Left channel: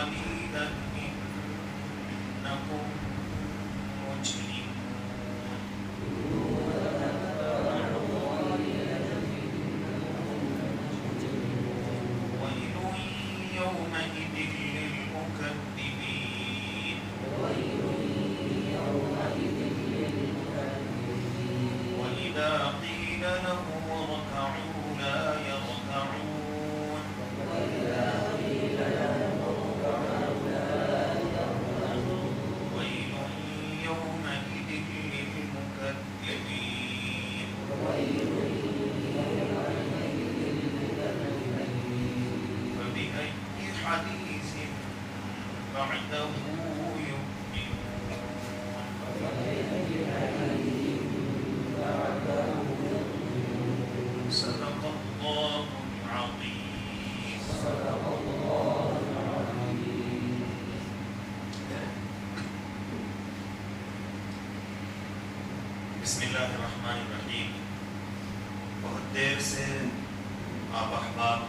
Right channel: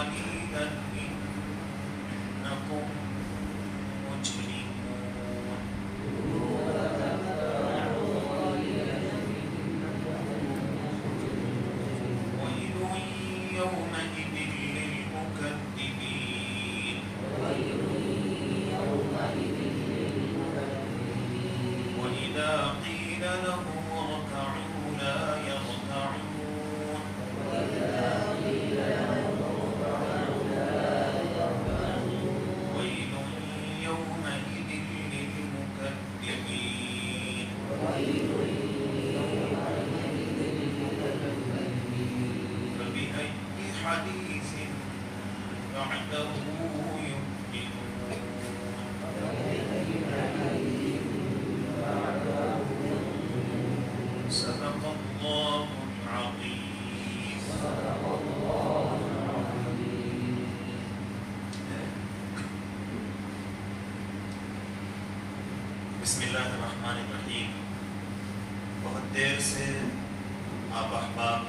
قليلا إنكم مجرمون ويل يومئذ للمكذبين وإذا قيل لهم اركعوا لا يركعون ويل يومئذ للمكذبين فبأي حديث بعده يؤمنون صدق الله العظيم. بسم اللہ الرحمن الرحیم. بہت دیر سے آپ احباب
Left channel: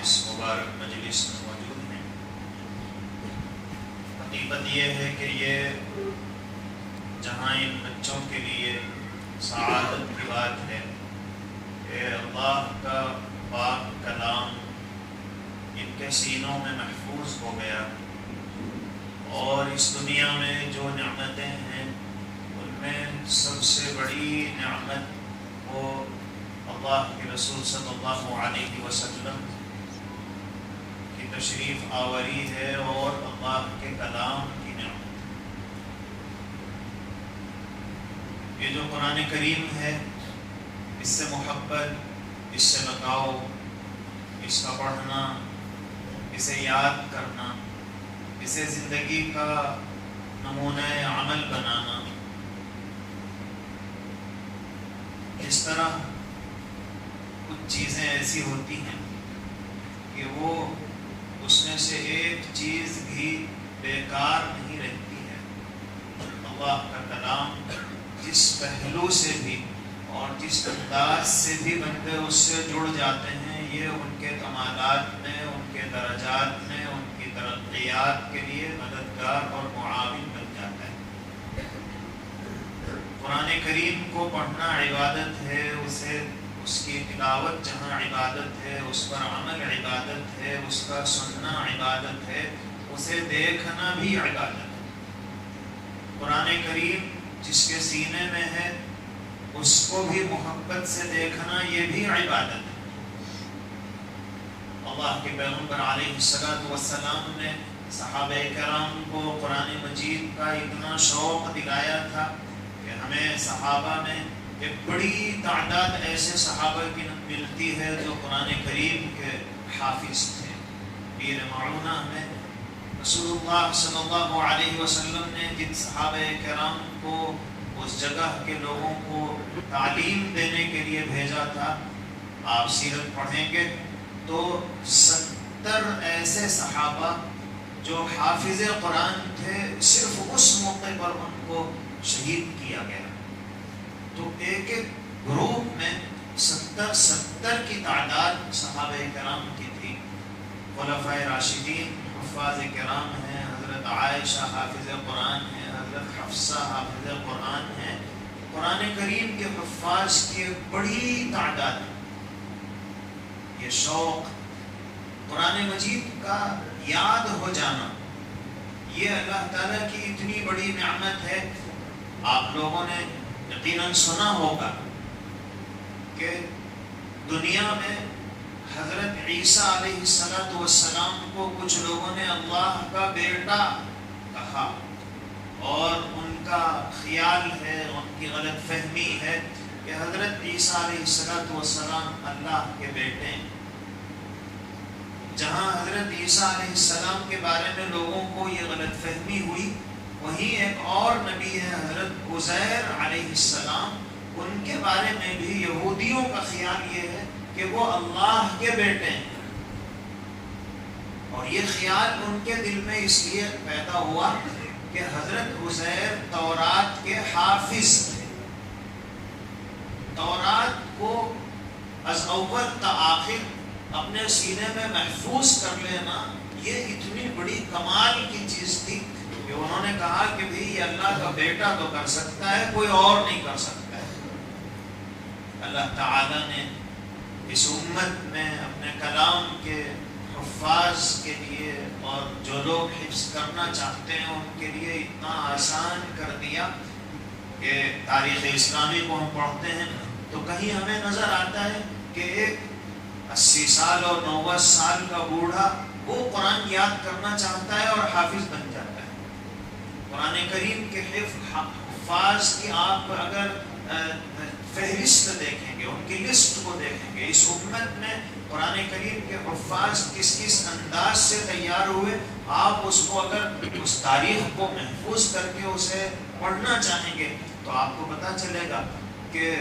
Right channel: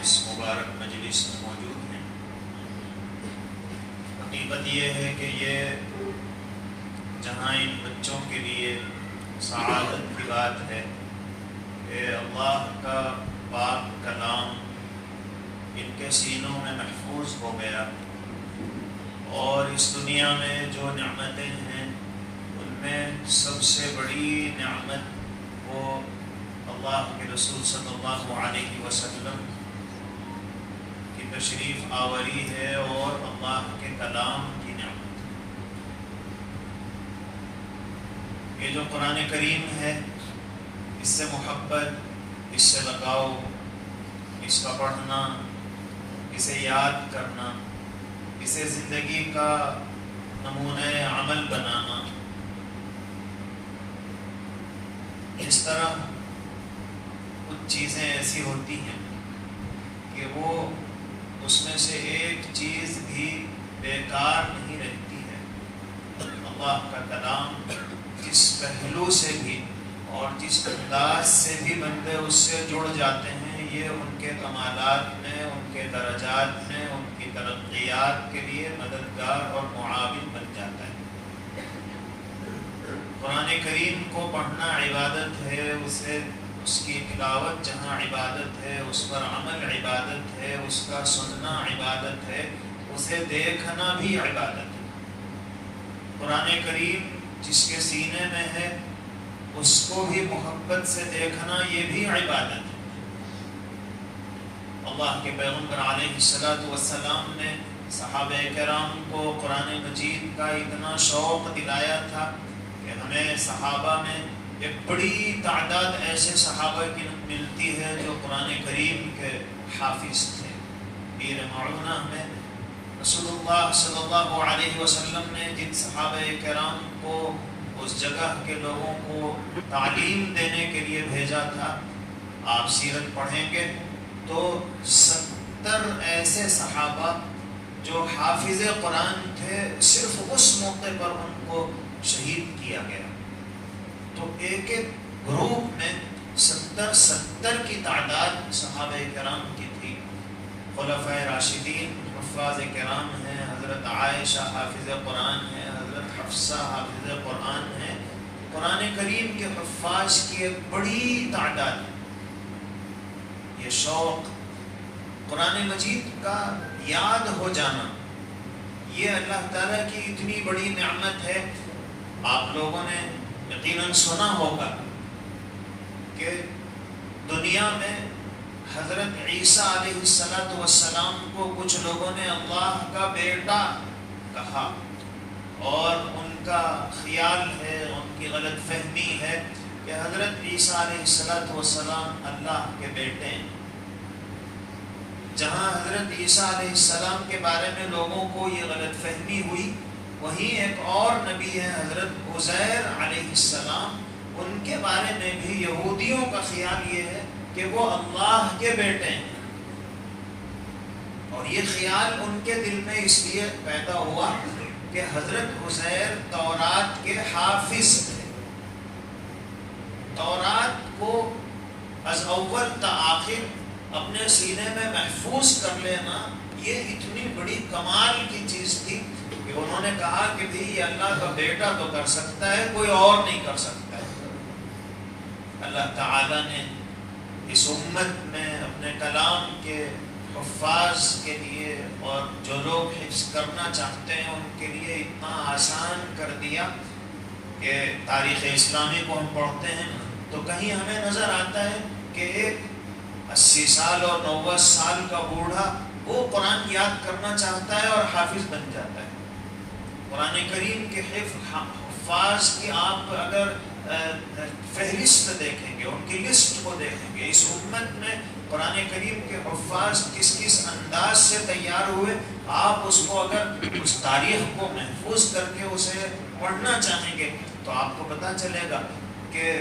اس مبارک مجلس میں موجود ہیں. حقیقت یہ ہے کہ یہ جہاں ان بچوں کے لیے سعادت کی بات ہے کہ اللہ کا پاک کلام ان کے سینوں میں محفوظ ہو گیا اور اس دنیا میں جو نعمتیں ہیں ان میں سب سے بڑی نعمت وہ اللہ کے رسول صلی اللہ علیہ وسلم کی تشریف آوری ہے اور اللہ کے کلام کی نعمت. یہ جو قرآن کریم ہے اس سے محبت، اس سے لگاؤ، اس کا پڑھنا، اسے یاد کرنا، اسے زندگی کا نمونہ عمل بنانا. اس طرح کچھ چیزیں ایسی ہوتی ہیں کہ وہ اس میں سے ایک چیز بھی بیکار نہیں رہتی ہے. اللہ کا کلام جس پہلو سے بھی اور جس انداز سے بھی بندے اس سے جڑ جاتے ہیں یہ ان کے کمالات میں، ان کے درجات میں، ان کی ترقیات کے لیے مددگار اور معاون بن جاتا ہے. قرآن کریم کو پڑھنا عبادت ہے، اس کی تلاوت جہاں عبادت ہے، اس پر عمل عبادت ہے، اس کا سننا عبادت ہے، اسے دیکھنا بھی عبادت ہے. قرآن کریم جس کے سینے میں ہے اس کو بھی محبت سے دیکھنا یہ بھی عبادت ہے. اللہ کے پیغمبر علیہ السلام نے صحابہ کرام کو قرآن مجید کا اتنا شوق دلایا تھا کہ ہمیں صحابہ میں ایک بڑی تعداد ایسے صحابہ کی ملتی ہے جو قرآن کریم کے حافظ تھے. پیر معونہ میں رسول اللہ صلی اللہ علیہ وسلم نے جن صحابہ کرام کو اس جگہ کے لوگوں کو تعلیم دینے کے لیے بھیجا تھا، آپ سیرت پڑھیں گے تو 70 ایسے صحابہ جو حافظ قرآن تھے صرف اس موقع پر ان کو شہید کیا گیا. تو ایک ایک گروپ میں 70 کی تعداد صحابہ کرام کی تھی. خلفائے راشدین حفاظ کرام ہیں، حضرت عائشہ حافظ قرآن ہیں، حضرت حفصہ حافظ قرآن ہیں. قرآن کریم کے حفاظ کی ایک بڑی تعداد ہے. یہ شوق قرآن مجید کا یاد ہو جانا یہ اللہ تعالیٰ کی اتنی بڑی نعمت ہے. آپ لوگوں نے یقیناً سنا ہوگا کہ دنیا میں حضرت عیسیٰ علیہ السلام کو کچھ لوگوں نے اللہ کا بیٹا کہا اور ان کا خیال ہے، ان کی غلط فہمی ہے کہ حضرت عیسیٰ علیہ السلام اللہ کے بیٹے ہیں. جہاں حضرت عیسیٰ علیہ السلام کے بارے میں لوگوں کو یہ غلط فہمی ہوئی وہیں ایک اور نبی ہے حضرت عزیر علیہ السلام. ان کے بارے میں بھی یہودیوں کا خیال یہ ہے کہ وہ اللہ کے بیٹے ہیں اور یہ خیال ان کے دل میں اس لیے پیدا ہوا کہ حضرت عزیر تورات کے حافظ تھے. تورات کو از اول تا آخر اپنے سینے میں محفوظ کر لینا یہ اتنی بڑی کمال کی چیز تھی کہ انہوں نے کہا کہ بھی یہ اللہ کا بیٹا تو کر سکتا ہے، کوئی اور نہیں کر سکتا ہے۔ اللہ تعالیٰ نے اس امت میں اپنے کلام کے حفاظ کے لیے اور جو لوگ حفظ کرنا چاہتے ہیں ان کے لیے اتنا آسان کر دیا کہ تاریخ اسلامی کو ہم پڑھتے ہیں تو کہیں ہمیں نظر آتا ہے کہ ایک 80 سال اور 90 سال کا بوڑھا وہ قرآن یاد کرنا چاہتا ہے اور حافظ بن جاتا ہے۔ قرآن کریم کے حفاظ کی آپ اگر فہرست دیکھیں گے، ان کی لسٹ کو دیکھیں گے، اس امت میں قرآن کریم کے حفاظ کس کس انداز سے تیار ہوئے، آپ اس کو اگر اس تاریخ کو محفوظ کر کے اسے پڑھنا چاہیں گے تو آپ کو پتہ چلے گا کہ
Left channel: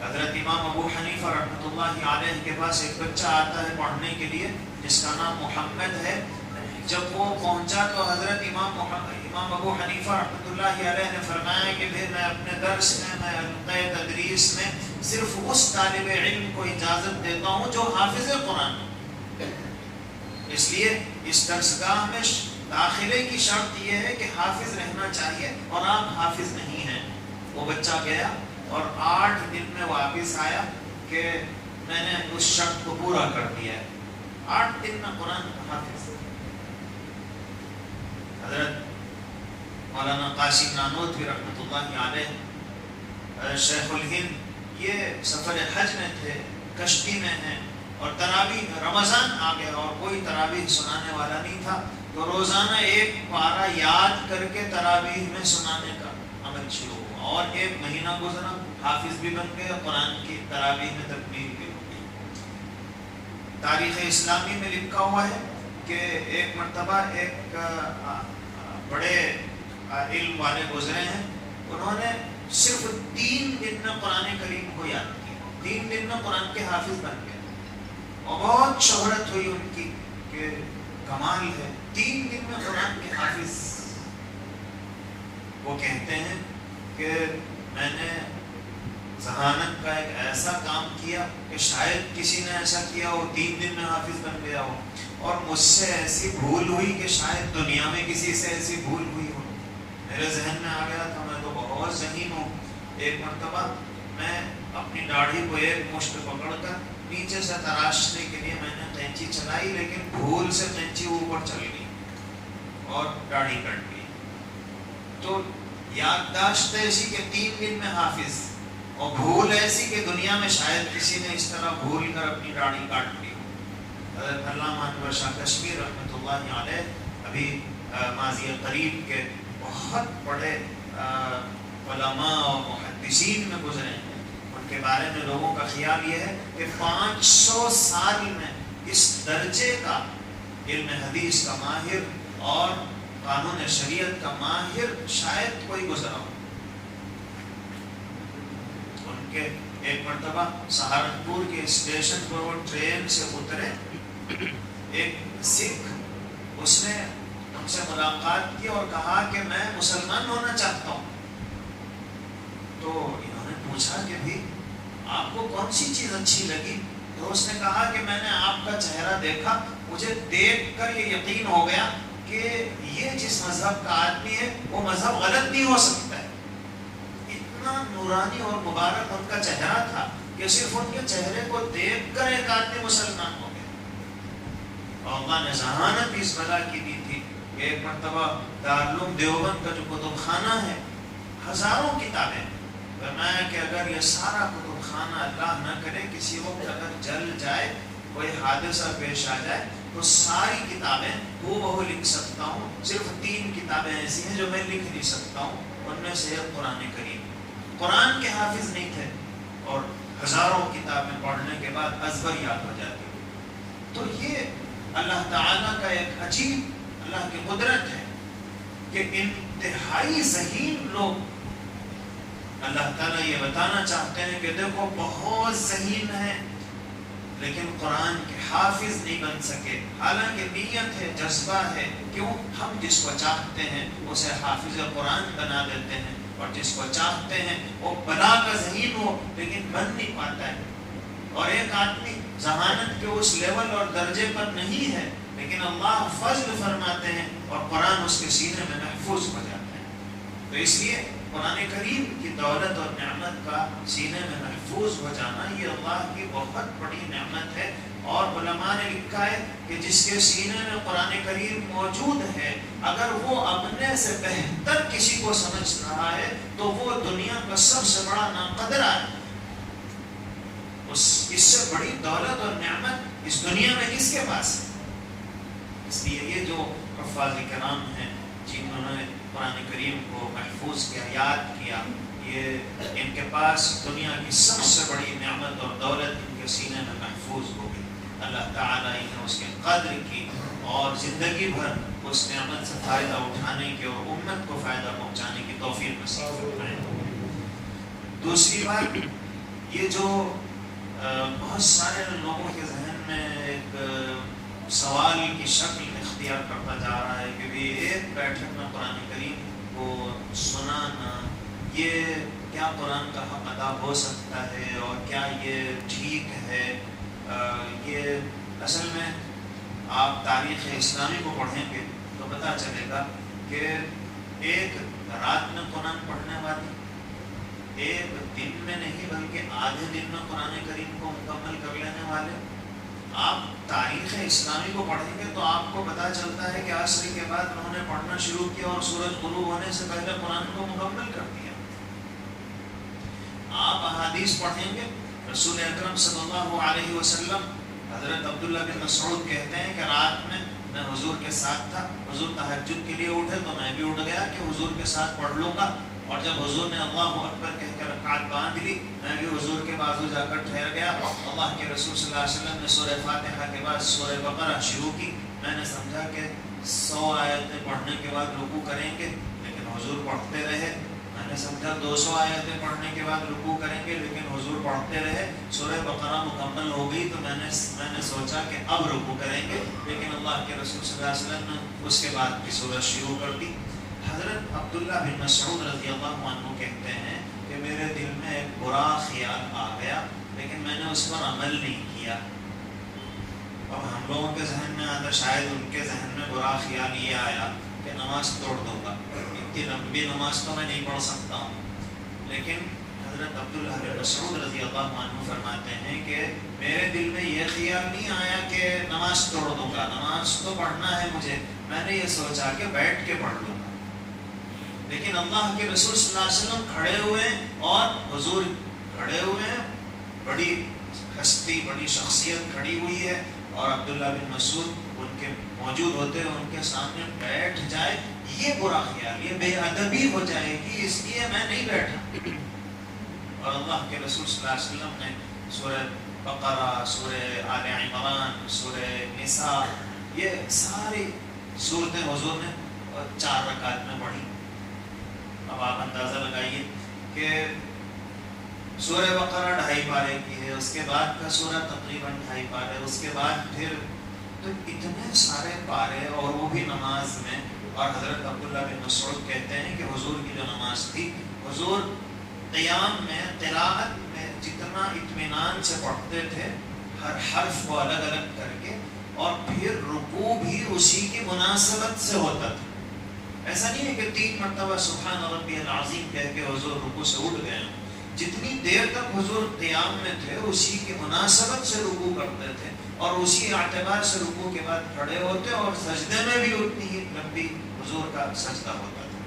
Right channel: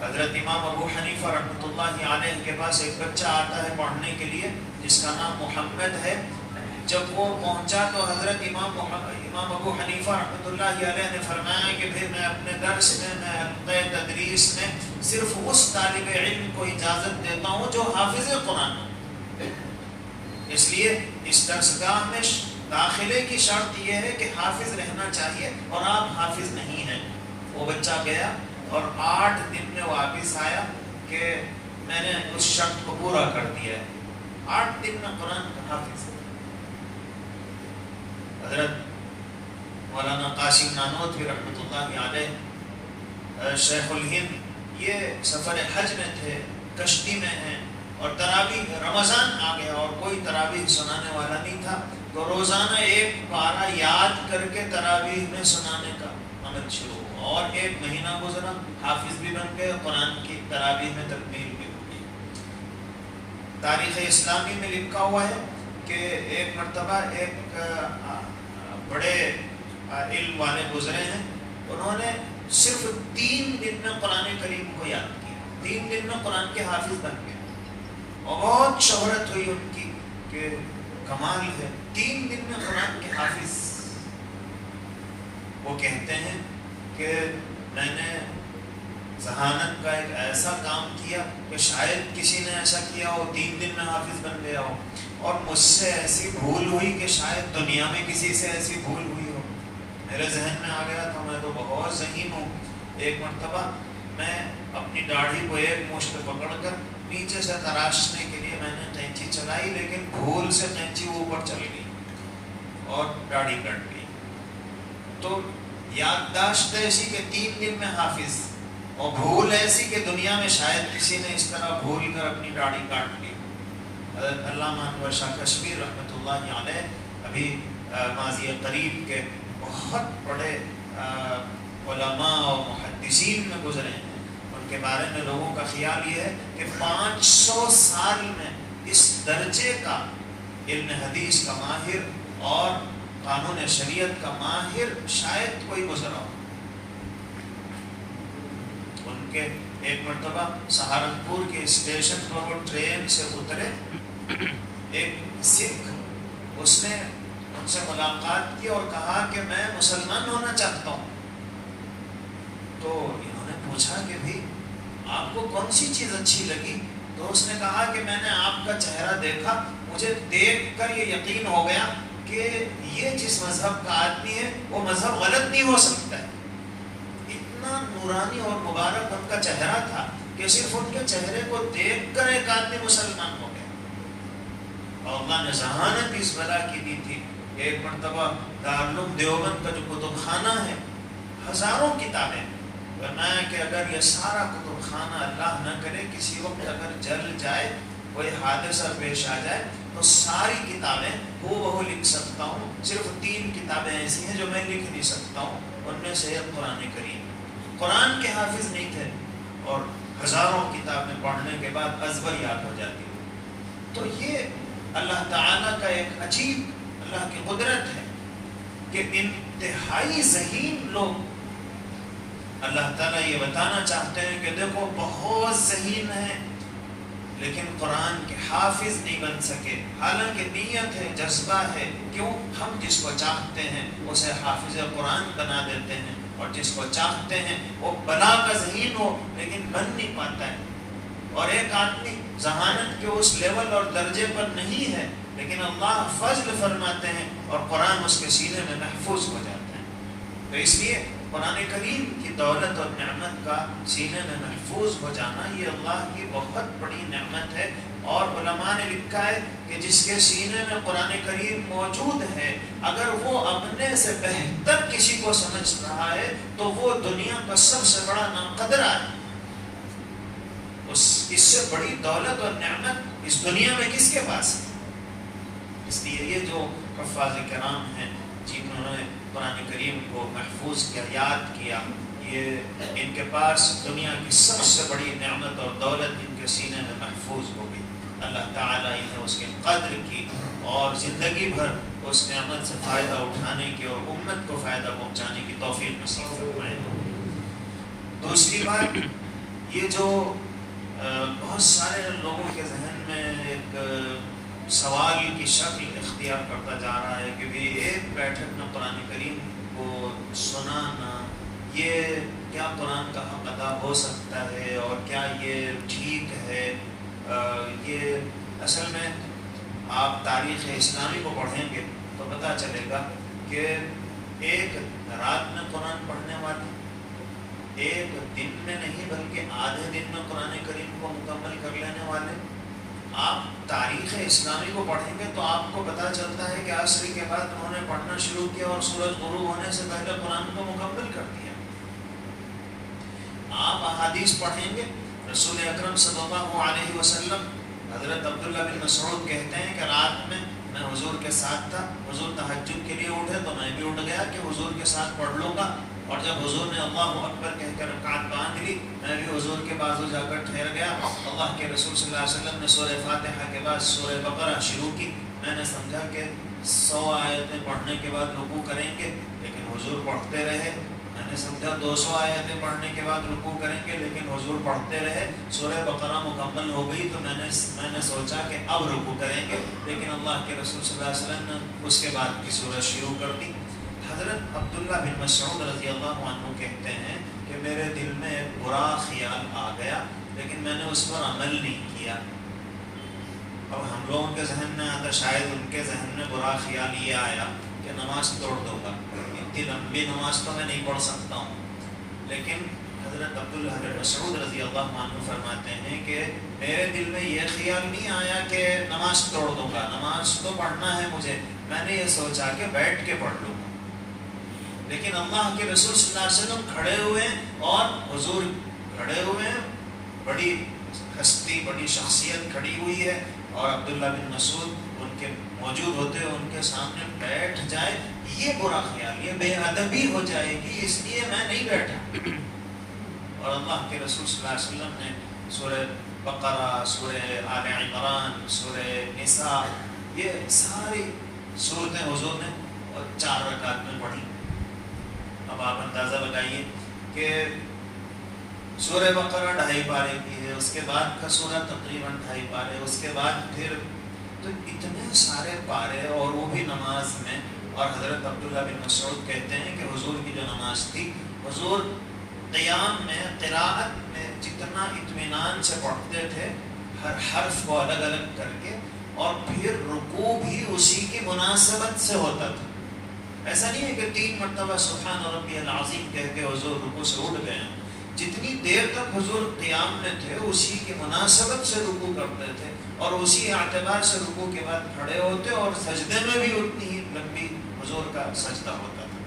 حضرت امام ابو حنیفہ رحمۃ اللہ علیہ کے پاس ایک بچہ آتا ہے پڑھنے کے لیے جس کا نام محمد ہے۔ جب وہ پہنچا تو حضرت امام ابو حنیفہ رحمۃ اللہ علیہ نے فرمایا کہ پھر میں اپنے درس میں حلقۂ تدریس میں صرف اس طالب علم کو اجازت دیتا ہوں جو حافظ قرآن، اس لیے اس درسگاہ میں داخلے کی شرط یہ ہے کہ حافظ رہنا چاہیے اور آپ حافظ نہیں ہیں۔ وہ بچہ گیا اور 8 دن میں واپس آیا کہ میں نے اس شرط کو پورا کر دیا ہے، 8 دن میں قرآن کا حافظ۔ حضرت مولانا قاسم نانوتوی رحمۃ اللہ علیہ شیخ الہند یہ سفر حج میں تھے، کشتی میں ہیں اور تراویح رمضان آ گیا اور کوئی تراویح سنانے والا نہیں تھا تو روزانہ ایک پارہ یاد کر کے تراویح میں سنانے کا عمل شروع ہوا اور 1 مہینہ گزرا، حافظ بھی بن گئے، قرآن کی تراویح میں تکمیل بھی ہو گئی۔ تاریخ اسلامی میں لکھا ہوا ہے کہ ایک مرتبہ ایک بڑے علم والے گزرے ہیں، انہوں نے صرف 3 دن میں قرآن کریم کو یاد کیا، 3 دن میں قرآن کے حافظ بن گئے اور بہت شہرت ہوئی ان کی کہ کمال ہے، 3 دن میں قرآن کے حافظ۔ وہ کہتے ہیں کہ میں نے ذہانت کا ایک ایسا کام کیا کہ شاید کسی نے ایسا کیا ہو 3 دن میں حافظ بن گیا ہو، اور مجھ سے ایسی بھول ہوئی کہ شاید دنیا میں کسی سے ایسی بھول ہوئی ہو۔ میرے ذہن میں آ گیا تو میں تو بہت ذہین ہوں، ایک مرتبہ میں اپنی داڑھی کو ایک مشت پکڑ کر نیچے سے تراشنے کے لیے میں نے قینچی چلائی، لیکن بھول سے قینچی اوپر چل گئی اور داڑھی کٹ گئی۔ تو یادداشت ایسی کہ 3 دن میں حافظ، اور بھول ایسی کہ دنیا میں شاید کسی نے اس طرح بھول کر اپنی داڑھی کاٹ لی۔ علامہ انور شاہ کشمیر رحمۃ اللہ علیہ ابھی ماضی قریب کے بہت بڑے علماء اور محدثین میں گزرے ہیں، ان کے بارے میں لوگوں کا خیال یہ ہے کہ 500 سال میں اس درجے کا علم حدیث کا ماہر اور قانون شریعت کا ماہر شاید کوئی گزرا ہو۔ ان کے ایک مرتبہ سہارنپور کے اسٹیشن پر وہ ٹرین سے اترے، ایک سکھ، اس نے ان سے ملاقات کی اور کہا کہ میں مسلمان ہونا چاہتا ہوں۔ تو انہوں نے پوچھا کہ بھی آپ کو کون سی چیز اچھی لگی؟ تو اس نے کہا کہ میں نے آپ کا چہرہ دیکھا، مجھے دیکھ کر یہ یقین ہو گیا کہ یہ جس مذہب کا آدمی ہے وہ مذہب غلط نہیں ہو سکتا ہے۔ اتنا نورانی اور مبارک ان کا چہرہ تھا کہ صرف ان کے چہرے کو دیکھ کر ایک آدمی مسلمان ہو گیا۔ اور اللہ نے ذہانت اس بلا کی دی تھی کہ ایک مرتبہ دارالعلوم دیوبند کا جو کتب خانہ ہے، ہزاروں کتابیں، فرمایا کہ اگر یہ سارا کتب خانہ اللہ نہ کرے کسی وقت اگر جل جائے، کوئی حادثہ پیش آ جائے، تو ساری کتابیں وہ لکھ سکتا ہوں، صرف 3 کتابیں ایسی ہیں جو میں لکھ نہیں سکتا ہوں، ان میں سے قرآن کریم۔ قرآن کے حافظ نہیں تھے اور ہزاروں کتابیں پڑھنے کے بعد ازبر یاد ہو جاتی۔ تو یہ اللہ تعالیٰ کا ایک عجیب اللہ کی قدرت ہے کہ انتہائی ذہین لوگ اللہ تعالیٰ یہ بتانا چاہتے ہیں کہ دیکھو بہت ذہین ہیں لیکن قرآن کے حافظ نہیں بن سکے، حالانکہ نیت ہے، جذبہ ہے، کیوں ہم جس کو چاہتے ہیں اسے حافظ قرآن بنا دیتے ہیں، اور جس کو چاہتے ہیں وہ بلا کا ذہین ہو لیکن بن نہیں پاتا ہے۔ اور ایک آدمی ذہانت کے اس لیول اور درجے پر نہیں ہے، لیکن اللہ فضل فرماتے ہیں اور قرآن اس کے سینے میں محفوظ ہو جاتے ہیں۔ تو اس لیے قرآن کریم کی دولت اور نعمت کا سینے میں محفوظ ہو جانا یہ اللہ کی بہت بڑی نعمت ہے۔ اور علماء نے لکھا ہے کہ جس کے سینے میں قرآن کریم موجود ہے، اگر وہ اپنے سے بہتر کسی کو سمجھ رہا ہے تو وہ دنیا کا سب سے بڑا ناقدر ہے۔ اس سے بڑی دولت اور نعمت اس دنیا میں کس کے پاس ہے؟ اس لیے یہ جو حفاظ کرام ہیں جنہوں نے قرآن کریم کو محفوظ کیا، یاد کیا، یہ ان کے پاس دنیا کی سب سے بڑی نعمت اور دولت ان کے سینے میں محفوظ ہوگی۔ اللہ تعالیٰ انہیں اس کے قدر کی اور زندگی بھر اس نعمت سے فائدہ اٹھانے کی اور امت کو فائدہ پہنچانے کی توفیق نصیب فرمائے۔ دوسری بات، یہ جو بہت سارے لوگوں کے ذہن میں ایک سوال کی شکل اختیار کرتا جا رہا ہے کہ ایک بیٹھک میں قرآن کریم کو سنانا، یہ کیا قرآن کا حق ادا ہو سکتا ہے اور کیا یہ ٹھیک ہے؟ یہ اصل میں آپ تاریخ اسلامی کو پڑھیں گے تو پتہ چلے گا کہ ایک رات میں قرآن پڑھنے والا ایک دن میں نہیں بلکہ آدھے دن میں قرآن کریم کو مکمل کر لینے والے، آپ تاریخ اسلامی کو پڑھیں گے تو آپ کو پتہ چلتا ہے کہ عصر کے بعد انہوں نے پڑھنا شروع کیا اور سورج غروب ہونے سے پہلے قرآن کو مکمل کر دیا۔ آپ احادیث پڑھیں گے، رسول اکرم صلی اللہ علیہ وسلم، حضرت عبداللہ بن مسعود کہتے ہیں کہ رات میں حضور کے ساتھ تھا، حضور تہجد کے لیے اٹھے تو میں بھی اٹھ گیا کہ حضور کے ساتھ پڑھ لوں گا، اور جب حضور نے اللہ اکبر کہہ کر رکعت باندھ لی میں بھی حضور کے بازو جا کر ٹھہر گیا۔ اللہ کے رسول صلی اللہ علیہ وسلم نے سورہ فاتحہ کے بعد سورہ بقرہ شروع کی، میں نے سمجھا کہ 100 آیتیں پڑھنے کے بعد رکوع کریں گے، لیکن حضور پڑھتے رہے۔ میں نے سمجھا 200 آیتیں پڑھنے کے بعد رکوع کریں گے، لیکن حضور پڑھتے رہے۔ سورہ بقرہ مکمل ہو گئی تو میں نے سوچا کہ اب رکوع کریں گے، لیکن اللہ کے رسول صلی اللہ علیہ وسلم نے اس کے بعد کی سورت شروع کر دی۔ حضرت عبداللہ بن مسعود رضی اللہ عنہ کہتے ہیں کہ میرے دل میں ایک برا خیال آ گیا، لیکن میں نے اس پر عمل نہیں کیا۔ اب ہم لوگوں کے ذہن میں آتا، شاید ان کے ذہن میں برا خیال یہ آیا کہ نماز توڑ دوں گا، اتنی لمبی نماز تو میں نہیں پڑھ سکتا ہوں۔ لیکن حضرت عبداللہ بن مسعود رضی اللہ عنہ فرماتے ہیں کہ میرے دل میں یہ خیال نہیں آیا کہ نماز توڑ دوں گا، نماز تو پڑھنا ہے مجھے، میں نے یہ سوچا کہ بیٹھ کے پڑھ لوں گا۔ لیکن اللہ کے رسول صلی اللہ علیہ وسلم کھڑے ہوئے اور حضور کھڑے ہوئے ہیں، بڑی ہستی، بڑی شخصیت کھڑی ہوئی ہے، اور عبداللہ بن مسعود ان کے موجود ہوتے ہیں، ان کے سامنے بیٹھ جائے، یہ برا خیال، یہ بے ادبی ہو جائے گی، اس لیے میں نہیں بیٹھا۔ اور اللہ کے رسول صلی اللہ علیہ وسلم نے سورہ بقرہ، سورہ آل عمران، سورہ نساء، یہ ساری صورتیں حضور نے 4 رکعت میں پڑھی۔ اب آپ اندازہ لگائیے کہ سورہ بقرہ 2.5 پارے کی ہے، اس کے بعد کا سورہ تقریباً 2.5 پارے، اس کے بعد پھر تو اتنے سارے پارے، اور وہ بھی نماز میں۔ اور حضرت عبداللہ بن مسعود کہتے ہیں کہ حضور کی جو نماز تھی، حضور قیام میں، قراءت میں جتنا اطمینان سے پڑھتے تھے، ہر حرف کو الگ الگ کر کے، اور پھر رکوع بھی اسی کی مناسبت سے ہوتا تھا۔ ایسا نہیں ہے کہ 3 مرتبہ سبحان ربی العظیم کہہ کے حضور رکوع سے اٹھ گئے، جتنی دیر تک حضور قیام میں تھے اسی کی مناسبت سے رکوع کرتے تھے، اور اسی اعتبار سے رکوع کے بعد کھڑے ہوتے، اور سجدے میں بھی اتنی ہی لمبی حضور کا سجدہ ہوتا تھا۔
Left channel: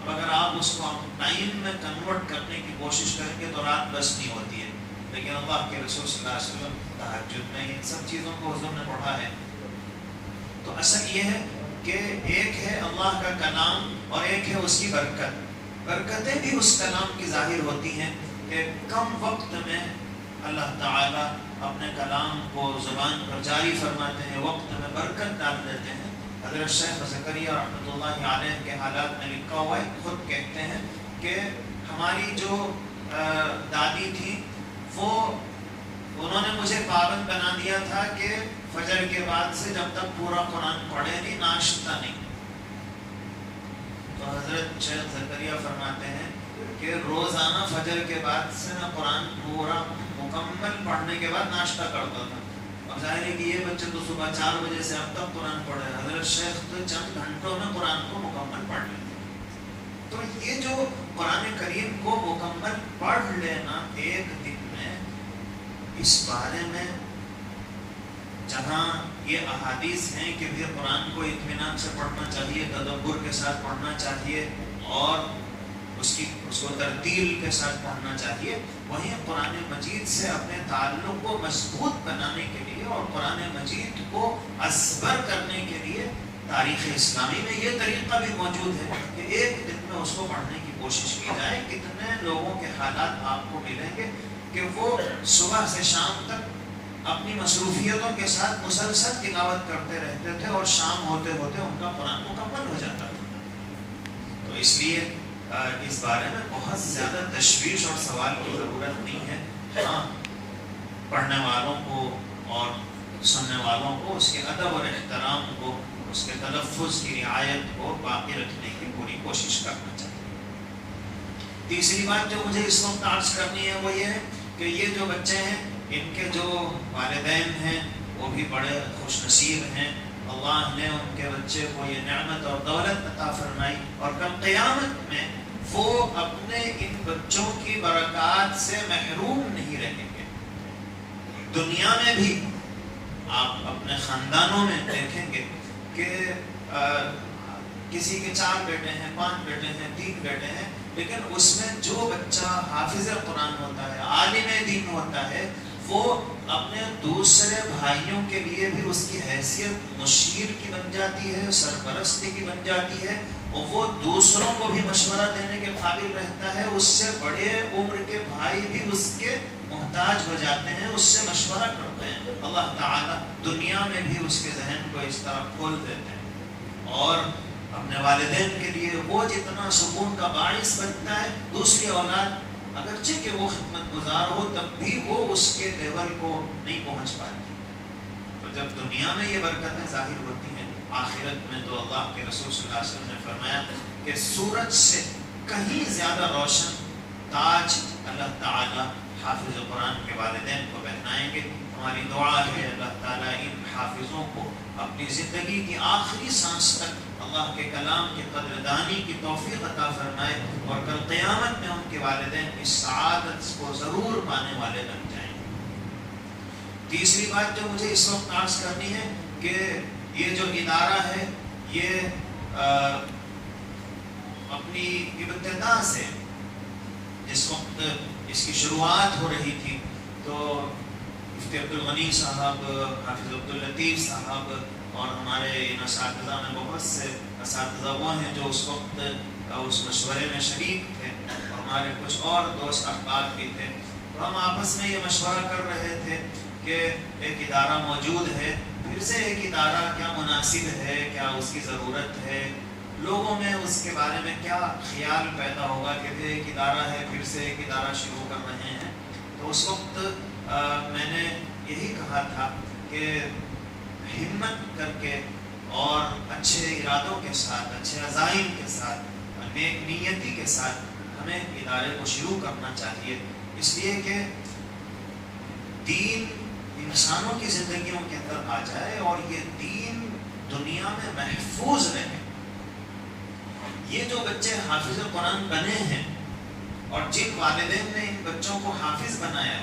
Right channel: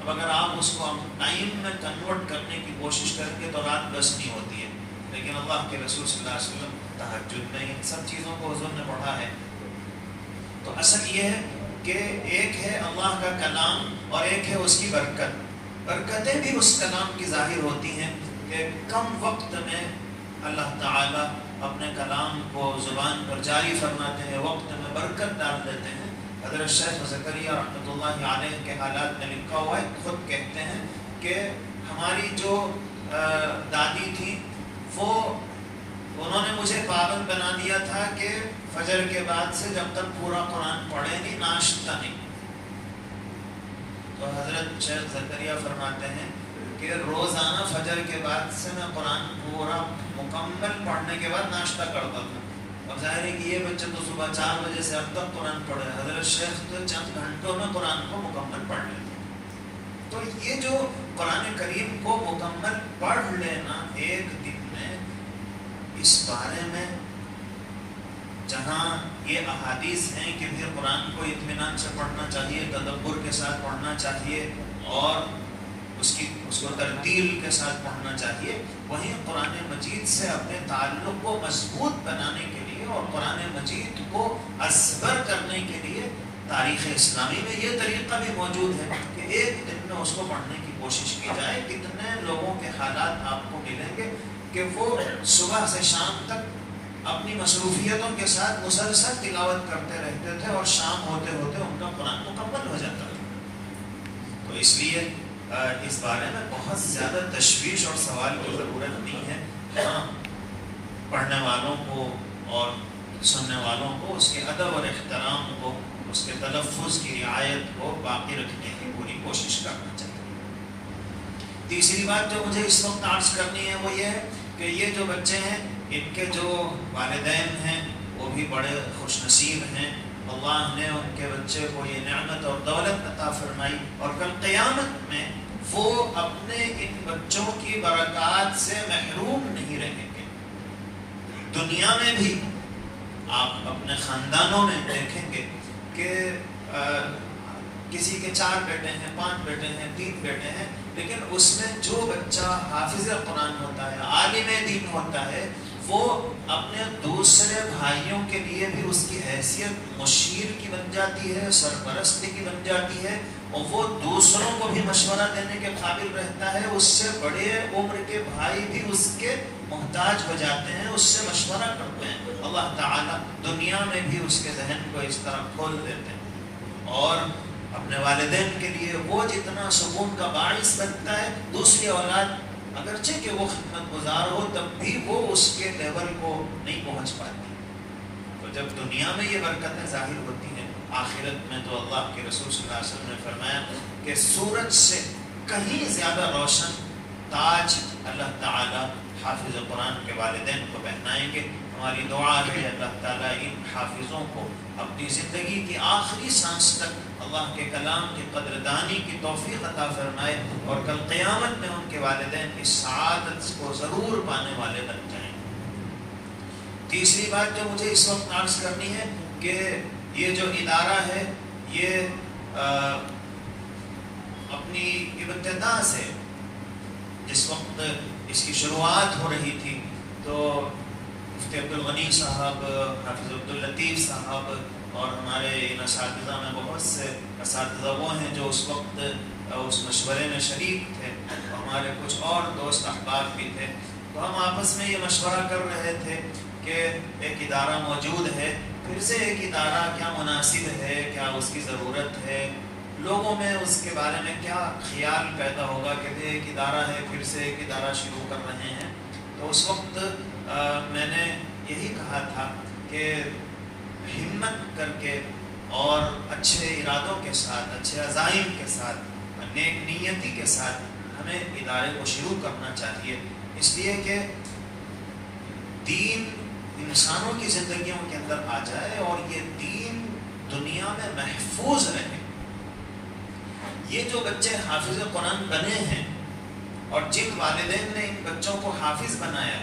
اب اگر آپ اس کو ٹائم میں کنورٹ کرنے کی کوشش کریں گے تو رات بس نہیں ہوتی ہے، لیکن اللہ کے رسول صلی اللہ علیہ وسلم تہجد میں ان سب چیزوں کو حضور نے پڑھا ہے۔ تو اصل یہ ہے کہ ایک ہے اللہ کا کلام اور ایک ہے اس کی برکت۔ برکتیں بھی اس کلام کی ظاہر ہوتی ہیں کہ کم وقت میں اللہ تعالیٰ اپنے کلام کو زبان پر جاری فرماتے ہیں، وقت میں برکت ڈال دیتے ہیں۔ حضرت شیخ زکریا رحمۃ اللہ علیہ کے حالات میں لکھا ہوا ہے، خود کہتے ہیں کہ ہماری جو دادی تھی وہ انہوں نے مجھے پابند بنا دیا تھا کہ فجر کے بعد سے جب تک پورا قرآن پڑھے نہیں، ناشتہ نہیں۔ تو حضرت شیخ زکریا فرماتے ہیں کہ روزانہ فجر کے بعد سے میں قرآن پورا مکمل پڑھنے کے بعد ناشتہ کرتا تھا. اب ظاہر ہے کہ یہ بچے تو صبح 4 بجے سے اب تک قرآن پڑھے. حضرت شیخ تو چند گھنٹوں میں قرآن کو مکمل پڑھ لیتے. تو یہ جو قرآن کریم کو مکمل پڑھ لینا ایک دن میں، اس بارے میں جہاں یہ احادیث ہیں کہ پھر قرآن کو اطمینان سے پڑھنا چاہیے، تدبر کے ساتھ پڑھنا چاہیے اور اس کو ترتیل کے ساتھ پڑھنا چاہیے، وہیں قرآن مجید سے اپنے تعلق کو مضبوط بنانے کے لیے اور قرآن مجید کو ازبر کرنے کے لیے تاریخ اسلامی میں یہ طریقہ بھی موجود ہے کہ ایک دن میں اس کو پڑھنے کی کوشش کی جائے. کتنے لوگوں کے حالات آپ کو ملیں گے کہ وہ صبح سے شام تک اپنی مصروفیتوں کے ساتھ مسلسل تلاوت کرتے رہتے تھے اور شام ہوتے ہوتے ان کا قرآن مکمل ہو جاتا تھا. تو اس لیے اس بارے میں بہت زیادہ تشویش اور سوال کی ضرورت نہیں ہے. ہاں، پڑھنے والوں کو اور سننے والوں کو اس کے ادب اور احترام کو، اس کے تلفظ کی رعایت کو باقی رکھنے کی پوری کوشش کرنا چاہیے. تیسری بات جو مجھے اس وقت عرض کرنی ہے وہ یہ ہے کہ یہ جو بچے ہیں، ان کے جو والدین ہیں وہ بھی بڑے خوش نصیب ہیں. اللہ نے ان کے بچے کو یہ نعمت اور دولت عطا فرمائی اور کل قیامت میں وہ اپنے ان بچوں کی برکات سے محروم نہیں رہیں گے. دنیا میں بھی آپ اپنے خاندانوں میں دیکھیں گے کہ کسی کے 4 بیٹے ہیں، 5 بیٹے ہیں، 3 بیٹے ہیں، لیکن اس میں جو بچہ حافظ قرآن ہوتا ہے، عالم دین ہوتا ہے، وہ اپنے دوسرے بھائیوں کے لیے بھی اس کی حیثیت مشیر کی بن جاتی ہے، سرپرستی کی بن جاتی ہے، اور وہ دوسروں کو بھی مشورہ دینے کے قابل رہتا ہے. اس سے بڑے عمر کے بھائی بھی اس کے محتاج ہو جاتے ہیں، اس سے مشورہ کرتے ہیں. اللہ تعالیٰ دنیا میں بھی اس کے ذہن کو اس طرح کھول دیتے ہیں اور اپنے والدین کے لیے وہ جتنا سکون کا باعث بنتا ہے، دوسری اولاد اگرچہ کہ وہ خدمت گزار ہو تب بھی وہ اس کے لیول کو نہیں پہنچ پاتی. تو جب دنیا میں یہ برکتیں ظاہر ہوتی ہیں، آخرت میں تو اللہ کے رسول صلی اللہ علیہ وسلم نے فرمایا کہ سورج سے کہیں زیادہ روشن تاج اللہ تعالی حافظ قرآن کے والدین کو پہنائیں گے. ہماری دعا ہے اللہ تعالیٰ ان حافظوں کو اپنی زندگی کی آخری سانس تک اللہ کے کلام کی قدردانی کی توفیق عطا فرمائے اور کل قیامت میں ان کے والدین اس سعادت کو ضرور پانے والے بن جائیں. تیسری بات جو مجھے اس وقت عرض کرنی ہے کہ یہ جو ادارہ ہے یہ اپنی ابتدا سے جس وقت اس کی شروعات ہو رہی تھی تو مفتی عبدالغنی صاحب، حافظ عبداللطیف صاحب اور ہمارے ان اساتذہ میں بہت سے اساتذہ وہ ہیں جو اس وقت اس مشورے میں شریک تھے، ہمارے کچھ اور دوست احباب بھی تھے. تو ہم آپس میں یہ مشورہ کر رہے تھے کہ ایک ادارہ موجود ہے، پھر سے ایک ادارہ کیا مناسب ہے، کیا اس کی ضرورت ہے، لوگوں میں اس کے بارے میں کیا خیال پیدا ہوگا کہ ایک ادارہ ہے پھر سے ایک ادارہ شروع کر رہے ہیں. تو اس وقت میں نے یہی کہا تھا کہ ہمت کر کے اور اچھے ارادوں کے ساتھ، اچھے عزائم کے ساتھ، نیک نیتی کے ساتھ ہمیں ادارے کو شروع کرنا چاہیے، اس لیے کہ دین انسانوں کی زندگیوں کے اندر آ جائے اور یہ دین دنیا میں محفوظ رہے. یہ جو بچے حافظ قرآن بنے ہیں اور جن والدین نے ان بچوں کو حافظ بنایا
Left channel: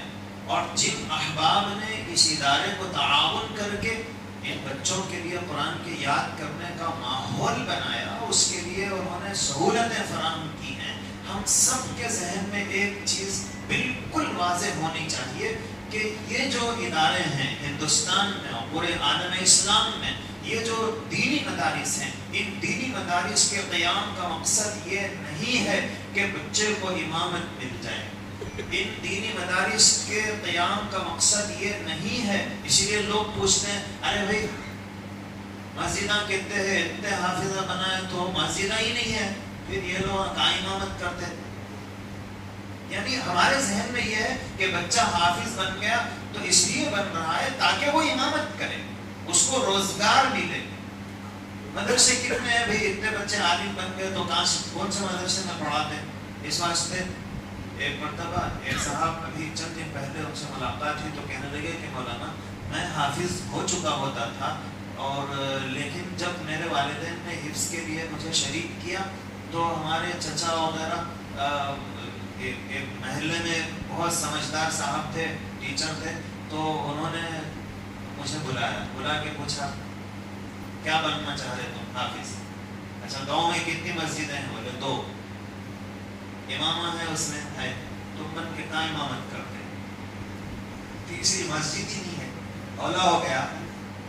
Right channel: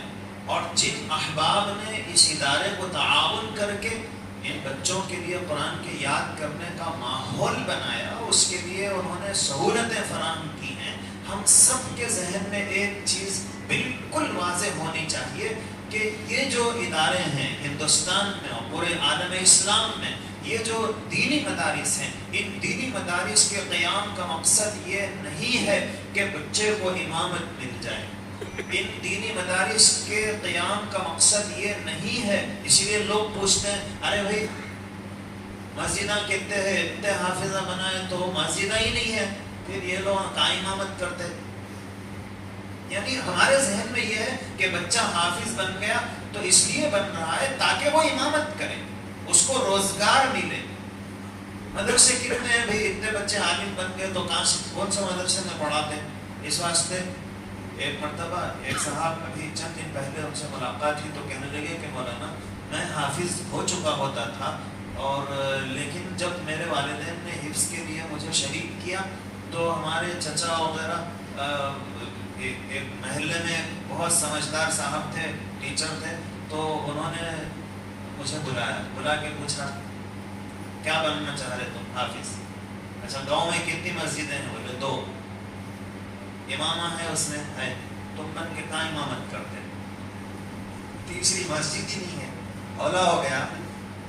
اور جن احباب نے اس ادارے کو تعاون کر کے ان بچوں کے لیے قرآن کے یاد کرنے کا ماحول بنایا، اس کے لیے انہوں نے سہولتیں فراہم کی ہیں، ہم سب کے ذہن میں ایک چیز بالکل واضح ہونی چاہیے کہ یہ جو ادارے ہیں ہندوستان میں اور پورے عالم اسلام میں، یہ جو دینی مدارس ہیں، ان دینی مدارس کے قیام کا مقصد یہ نہیں ہے کہ بچے کو امامت مل جائے. ان دینی مدارس کے قیام کا مقصد یہ نہیں ہے. اسی لیے لوگ پوچھتے ہیں ارے بھائی مسجدہ کتنے ہیں، اتنے حافظہ بنائے تو مسجدہ ہی نہیں ہے، پھر یہ لوگ کہاں امامت کرتے ہیں. یعنی ہمارے ذہن میں یہ ہے کہ بچہ حافظ بن گیا تو اس لیے بن رہا ہے تاکہ وہ امامت کرے، اس کو روزگار ملے. مدرسے کتنے ہیں بھائی، اتنے بچے عالم بن گئے تو کون سے مدرسے میں پڑھاتے ہیں؟ اس واسطے ایک مرتبہ ایک صاحب ابھی چند دن پہلے ان سے ملاقات ہوئی تو کہنے لگے کہ مولانا میں حافظ ہو چکا ہوتا تھا اور لیکن جب میرے والدین نے حفظ کے لیے مجھے شریک کیا تو ہمارے چچا وغیرہ ایک محلے میں بہت سمجھدار صاحب تھے، ٹیچر تھے، تو انہوں نے مجھے بلا کے پوچھا کیا بننا چاہ رہے تم؟ حافظ۔ اچھا گاؤں میں کتنی مسجدیں ہیں؟ بولے 2۔ امامہ ہے اس میں ہے، تم بن کے کہاں امامت کرتے؟ تیسری مسجد ہی نہیں ہے، اولا ہو گیا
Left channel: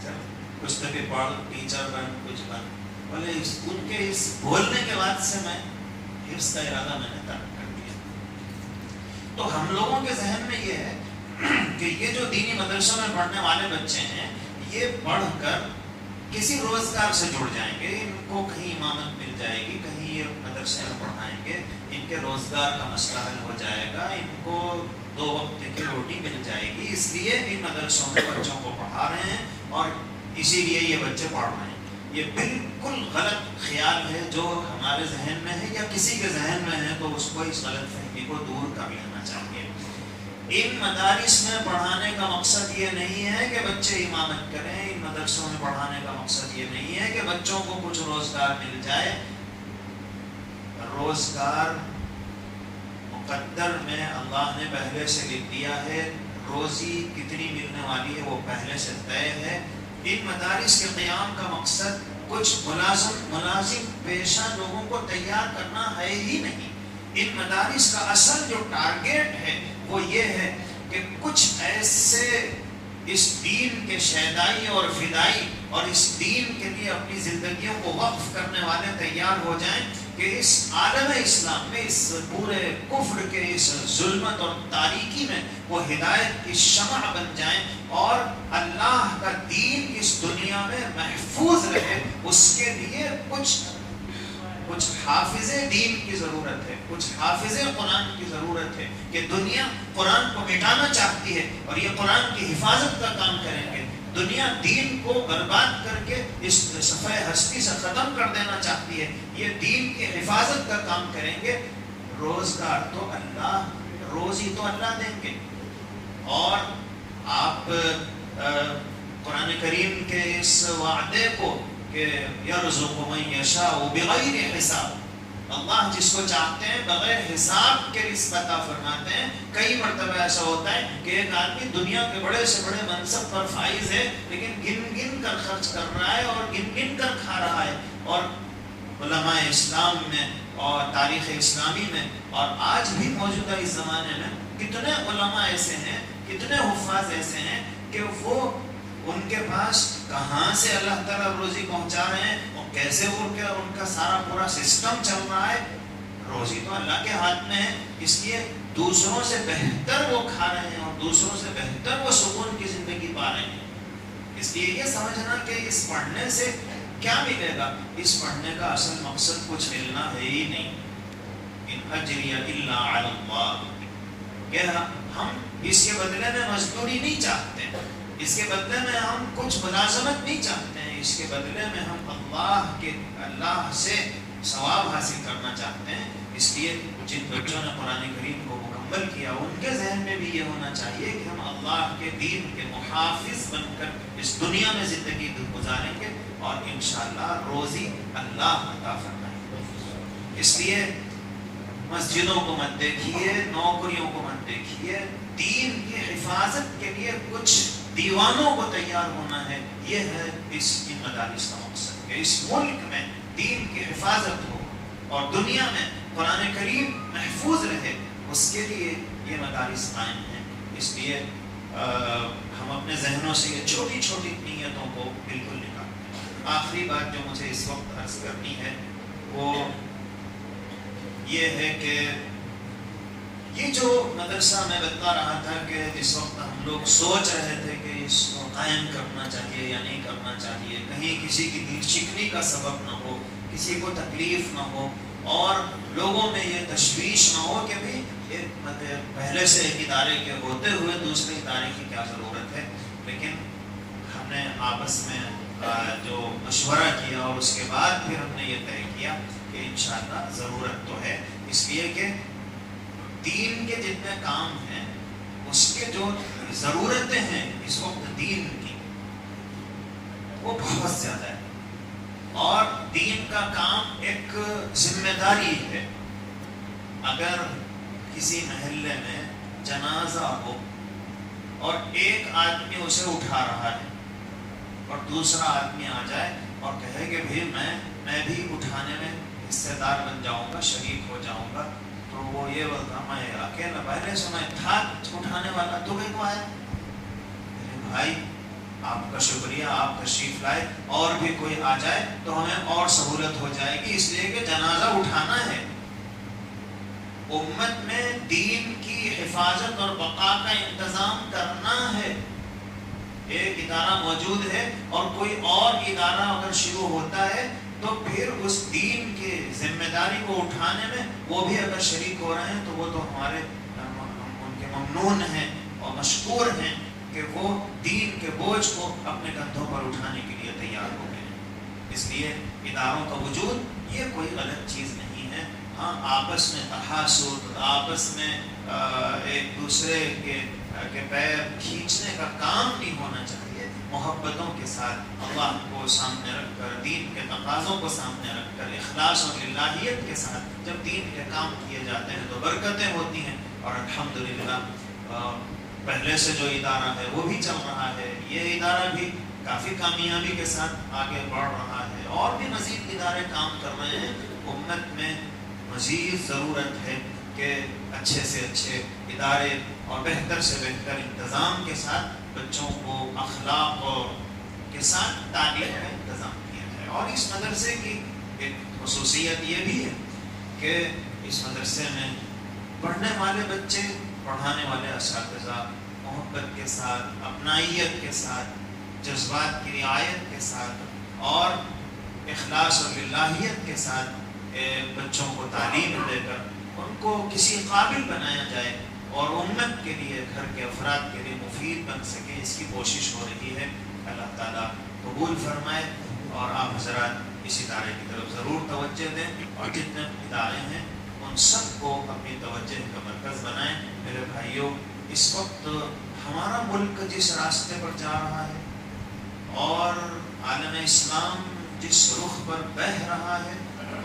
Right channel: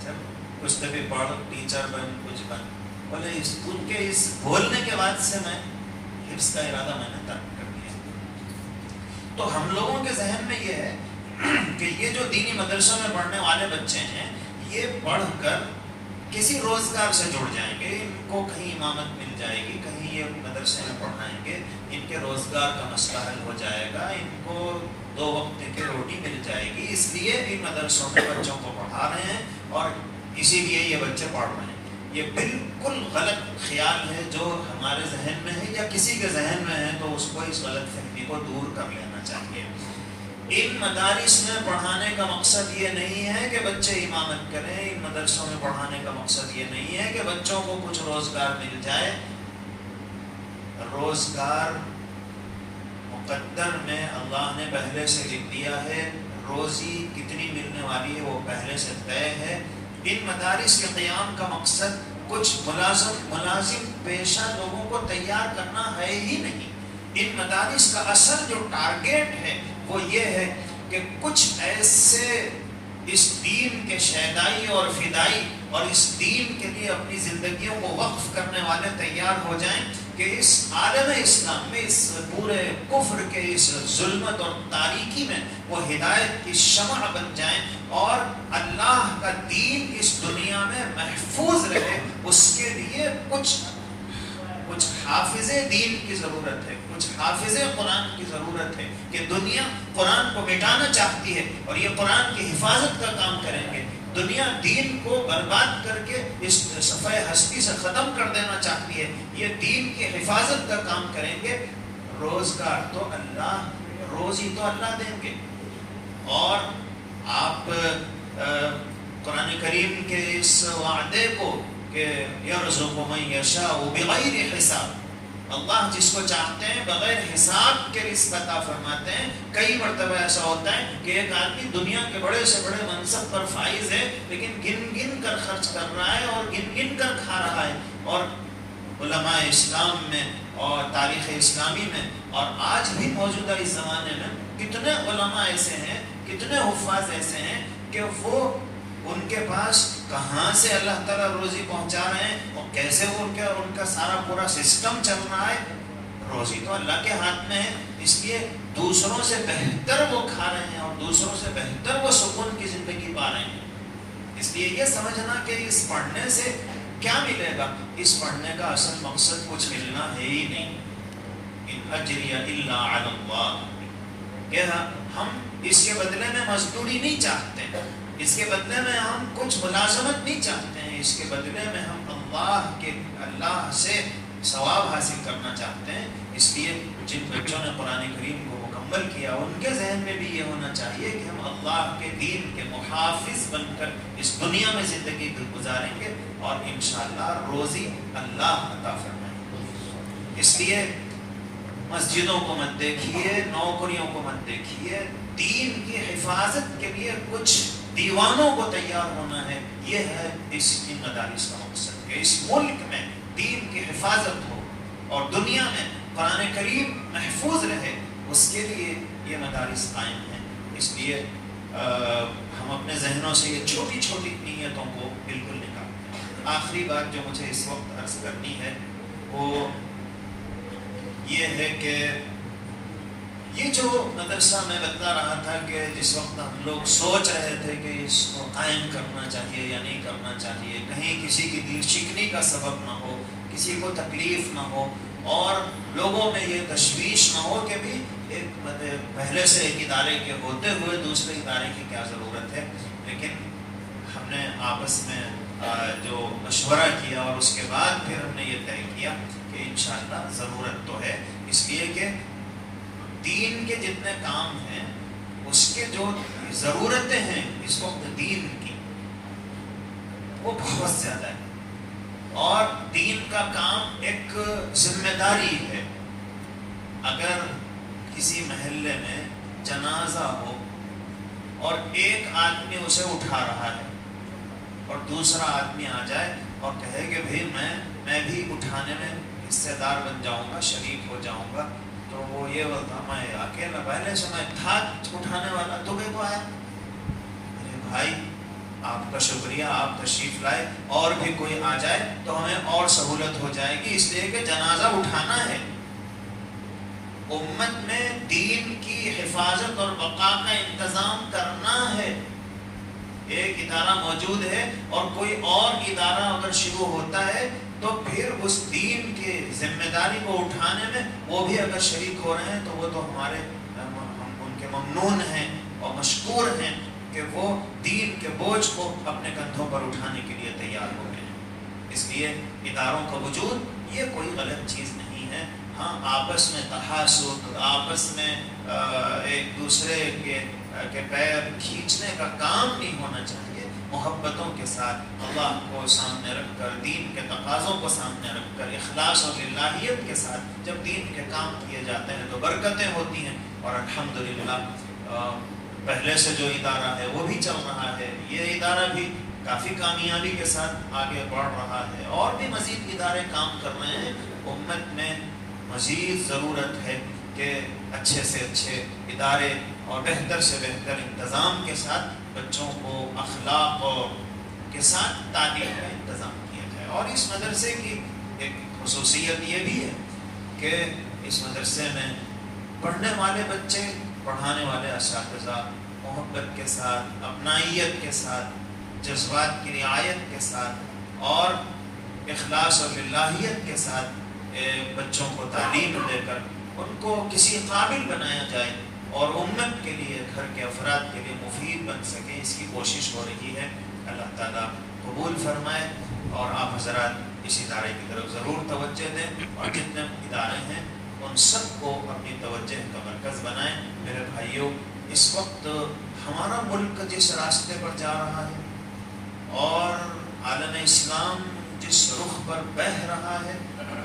جب کچھ تو بھی پڑھ، ٹیچر بن، کچھ بن۔ بولے ان کے اس بولنے کے بعد سے میں حفظ کا ارادہ میں نے ترک کر دیا۔ تو ہم لوگوں کے ذہن میں یہ ہے کہ یہ جو دینی مدرسوں میں پڑھنے والے بچے ہیں یہ پڑھ کر کسی روزگار سے جڑ جائیں گے، ان کو کہیں امامت مل جائے گی، کہیں یہ مدرسے میں پڑھائیں گے، ان کے روزگار کا مسئلہ حل ہو جائے گا، ان کو 2 وقت کی روٹی مل جائے گی، اس لیے ان مدرسوں میں بچوں کو پڑھا رہے ہیں اور اسی لیے یہ بچے پڑھ رہے ہیں۔ یہ بالکل غلط خیال ہے جو ہمارے ذہن میں ہے یا کسی کے ذہن میں ہے، تو اس کو اس غلط فہمی کو دور کر لینا چاہیے۔ ان مدارس میں پڑھانے کا مقصد یہ نہیں ہے کہ بچے امامت کریں، ان مدرسوں میں پڑھانے کا مقصد یہ نہیں ہے کہ بچوں کو کچھ روزگار مل جائے۔ روزگار مقدر میں اللہ نے پہلے سے لکھ دیا ہے، روزی کتنی ملنے والی ہے وہ پہلے سے طے ہے۔ ان مدارس کے قیام کا مقصد کچھ ملازم پیشہ لوگوں کو تیار کرنا ہے ہی نہیں۔ ان مدارس کا اصل جو ٹارگیٹ ہے وہ یہ ہے کہ کچھ ایسے اس دین کے شیدائی اور فدائی اور اس دین کے لیے اپنی زندگیوں کو وقف کرنے والے تیار ہو جائیں کہ اس عالم اسلام میں، اس پورے کفر کے اس ظلمت اور تاریکی میں وہ ہدایت کی شمع بن جائیں اور اللہ کا دین اس دنیا میں محفوظ رہے۔ اس کے لیے کچھ حافظ دین کی ضرورت ہے، کچھ حافظ قرآن کی ضرورت ہے کہ دنیا قرآن کو مٹانا چاہتی ہے اور یہ قرآن کی حفاظت کا کام کریں گے۔ دنیا دین کو برباد کر کے اس صفحہ ہستی سے ختم کر دینا چاہتی ہے، یہ دین کی حفاظت کا کام کریں گے۔ روزگار تو اللہ، روزی تو اللہ دیں گے۔ اور آپ قرآن کریم کے اس وعدے کو کہ یرزق من یشاء بغیر حساب، اللہ جس کو چاہتے ہیں بغیر حساب کے رزق عطا فرماتے ہیں۔ کئی مرتبہ ایسا ہوتا ہے کہ ایک آدمی دنیا کے بڑے سے بڑے منصب پر فائز ہے لیکن گن گن کر خرچ کر رہا ہے اور گن گن کر کھا رہا ہے۔ اور علماء اسلام میں اور تاریخ اسلامی میں اور آج بھی موجودہ اس زمانے میں کتنے علماء ایسے ہیں، کتنے حفاظ ایسے ہیں کہ وہ ان کے پاس کہاں سے اللہ تعالیٰ روزی پہنچا رہے ہیں اور کیسے وہ ان کا سارا پورا سسٹم چل رہا ہے۔ روزی تو اللہ کے ہاتھ میں ہے، اس لیے دوسروں سے بہتر وہ کھا رہے ہیں اور دوسروں سے بہتر وہ سکون کی زندگی پا رہے ہیں۔ اس لیے یہ سمجھنا کہ اس پڑھنے سے کیا ملے گا، اس پڑھنے کا اصل مقصد کچھ ملنا ہے ہی نہیں۔ ان اجری الا علی اللہ، کہ ہم اس کے بدلے میں مزدوری نہیں چاہتے، اس کے بدلے میں ہم کچھ ملازمت نہیں چاہتے ہیں، اس کے بدلے میں ہم اللہ سے ثواب حاصل کرنا چاہتے ہیں۔ اس لیے جن بچوں نے قرآن کریم کو مکمل کیا ان کے ذہن میں بھی یہ ہونا چاہیے کہ ہم اللہ کے دین کے محافظ بن کر اس دنیا میں زندگی گزاریں گے اور انشاءاللہ روزی اللہ عطا فرمائیں گے۔ اس لیے مسجدوں کو مت دیکھیے، نوکریوں کو مت دیکھیے، دین کی حفاظت کے لیے کچھ دیوانوں کو تیار ہونا ہے۔ یہ ہے ان مدارس کا مقصد کہ اس ملک میں دین کی حفاظت ہو اور دنیا میں قرآن کریم محفوظ رہے، اس کے لیے یہ مدارس قائم ہیں۔ اس لیے ہم اپنے ذہنوں سے یہ چھوٹی چھوٹی نیتوں کو بالکل نکالتے ہیں۔ آخری بات جو مجھے اس وقت عرض کرنی ہے وہ یہ ہے کہ یہ جو مدرسہ میں بتا رہا تھا کہ جس وقت ہم لوگ سوچ رہے تھے کہ اس کو قائم کرنا چاہیے یا نہیں کرنا چاہیے، کہیں کسی کی دل شکنی کا سبب نہ ہو، کسی کو تکلیف نہ ہو اور لوگوں میں یہ تشویش نہ ہو کہ بھی پہلے سے ایک ادارے کے ہوتے ہوئے دوسرے ادارے کی کیا ضرورت ہے۔ لیکن ہم نے آپس میں جو مشورہ کیا اور اس کے بعد پھر ہم نے یہ طے کیا کہ انشاءاللہ ضرورت تو ہے۔ اس لیے کہ دین کے جتنے کام ہیں اس کے جو ضرورتیں ہیں اس وقت دین کی وہ بہت زیادہ ہے، اور دین کا کام ایک ذمہ داری ہے۔ اگر کسی محلے میں جنازہ ہو اور ایک آدمی اسے اٹھا رہا ہے اور دوسرا آدمی آ جائے اور کہے کہ بھئی میں بھی اٹھانے میں حصے دار بن جاؤں گا، شریک ہو جاؤں گا، تو وہ یہ بتا میں اکیلا پہلے سے میں تھا اٹھانے والا، تو تو آیا بھائی آپ کا شکریہ، آپ تشریف لائے، اور بھی کوئی آ جائے تو ہمیں اور سہولت ہو جائے گی، اس لیے کہ جنازہ اٹھانا ہے۔ امت میں دین کی حفاظت اور بقا کا انتظام کرنا ہے۔ ایک ادارہ موجود ہے اور کوئی اور ادارہ اگر شروع ہوتا ہے تو پھر اس دین کے ذمہ داری کو اٹھانے میں وہ بھی اگر شریک ہو رہے ہیں تو وہ تو ہمارے ان کے ممنون ہیں اور مشکور ہیں کہ وہ دین کے بوجھ کو اپنے کندھوں پر اٹھانے کے لیے تیار ہو گئے۔ اس لیے اداروں کا وجود یہ کوئی غلط چیز نہیں ہے۔ ہاں، آپس میں تحاسد، آپس میں ایک دوسرے کے پیر کھینچنے کا کام نہیں ہونا چاہیے۔ محبتوں کے ساتھ اللہ کو سامنے رکھ کر، دین کے تقاضوں کو سامنے رکھ کر، اخلاص اور للہیت کے ساتھ جب دین کے کام کیے جاتے ہیں تو برکتیں ہوتی ہیں۔ اور الحمدللہ پہلے سے جو ادارہ ہے وہ بھی چل رہا ہے، یہ ادارہ بھی کافی کامیابی کے ساتھ آگے بڑھ رہا ہے، اور بھی مزید ادارے کام کر رہے ہیں۔ امت میں مزید ضرورت ہے کہ اچھے سے اچھے ادارے اور بہتر سے بہتر انتظام کے ساتھ بچوں کو اخلاق کے ساتھ تعلیم کا انتظام کیا جائے۔ اور اس مدرسے کی ایک خصوصیت یہ بھی ہے کہ اس مدرسے میں پڑھنے والے بچے، پڑھانے والے اساتذہ محبت کے ساتھ، اپنائیت کے ساتھ، جذبات کی رعایت کے ساتھ اور اخلاص اور للہیت کے ساتھ بچوں کو تعلیم دے کر ان کو کسی قابل بنایا جائے اور امت کے لیے، گھر کے افراد کے لیے مفید بن سکے، اس کی کوشش ہو رہی ہے۔ اللہ تعالیٰ قبول فرمائے، اور آپ حضرات اس ادارے کی طرف ضرور توجہ دیں، اور جتنے ادارے ہیں ان سب کو اپنی توجہ کا مرکز بنائیں۔ میرے بھائیوں، اس وقت ہمارا ملک جس راستے پر جا رہا ہے اور عالم اسلام جس رخ پر بہہ رہا ہے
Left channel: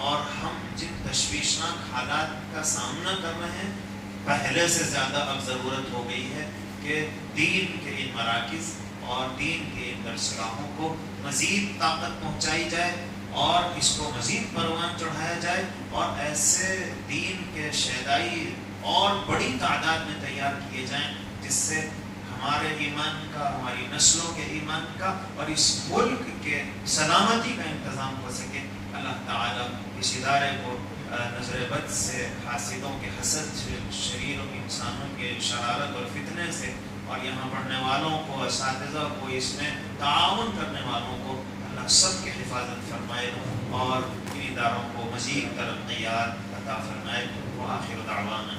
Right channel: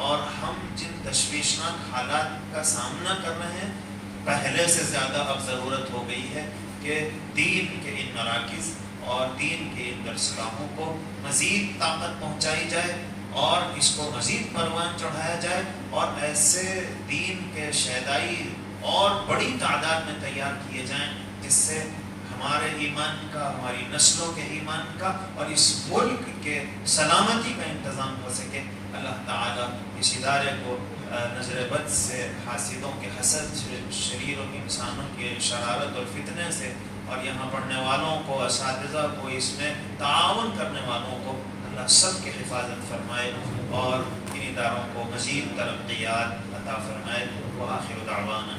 اور ہم جن تشویشناک حالات کا سامنا کر رہے ہیں، پہلے سے زیادہ اب ضرورت ہو گئی ہے کہ دین کے ان مراکز اور دین کے ان درسگاہوں کو مزید طاقت پہنچائی جائے اور اس کو مزید پروان چڑھایا جائے، اور ایسے دین کے شیدائی اور بڑی تعداد میں تیار کیے جائیں جس سے ہمارے ایمان کا، ہماری نسلوں کے ایمان کا اور اس ملک کے سلامتی کا انتظام ہو سکے۔ اللہ تعالیٰ اس ادارے کو نظر بد سے، حاسدوں کے حسد سے، شریر و انسانوں کے شرارت اور فتنے سے، اور یہاں پڑھنے والوں کو، اساتذہ کو، اس میں تعاون کرنے والوں کو اللہ سب کی حفاظت فرمائے اور ان اداروں کو مزید ترقیات عطا فرمائے۔ وآخر دعوانا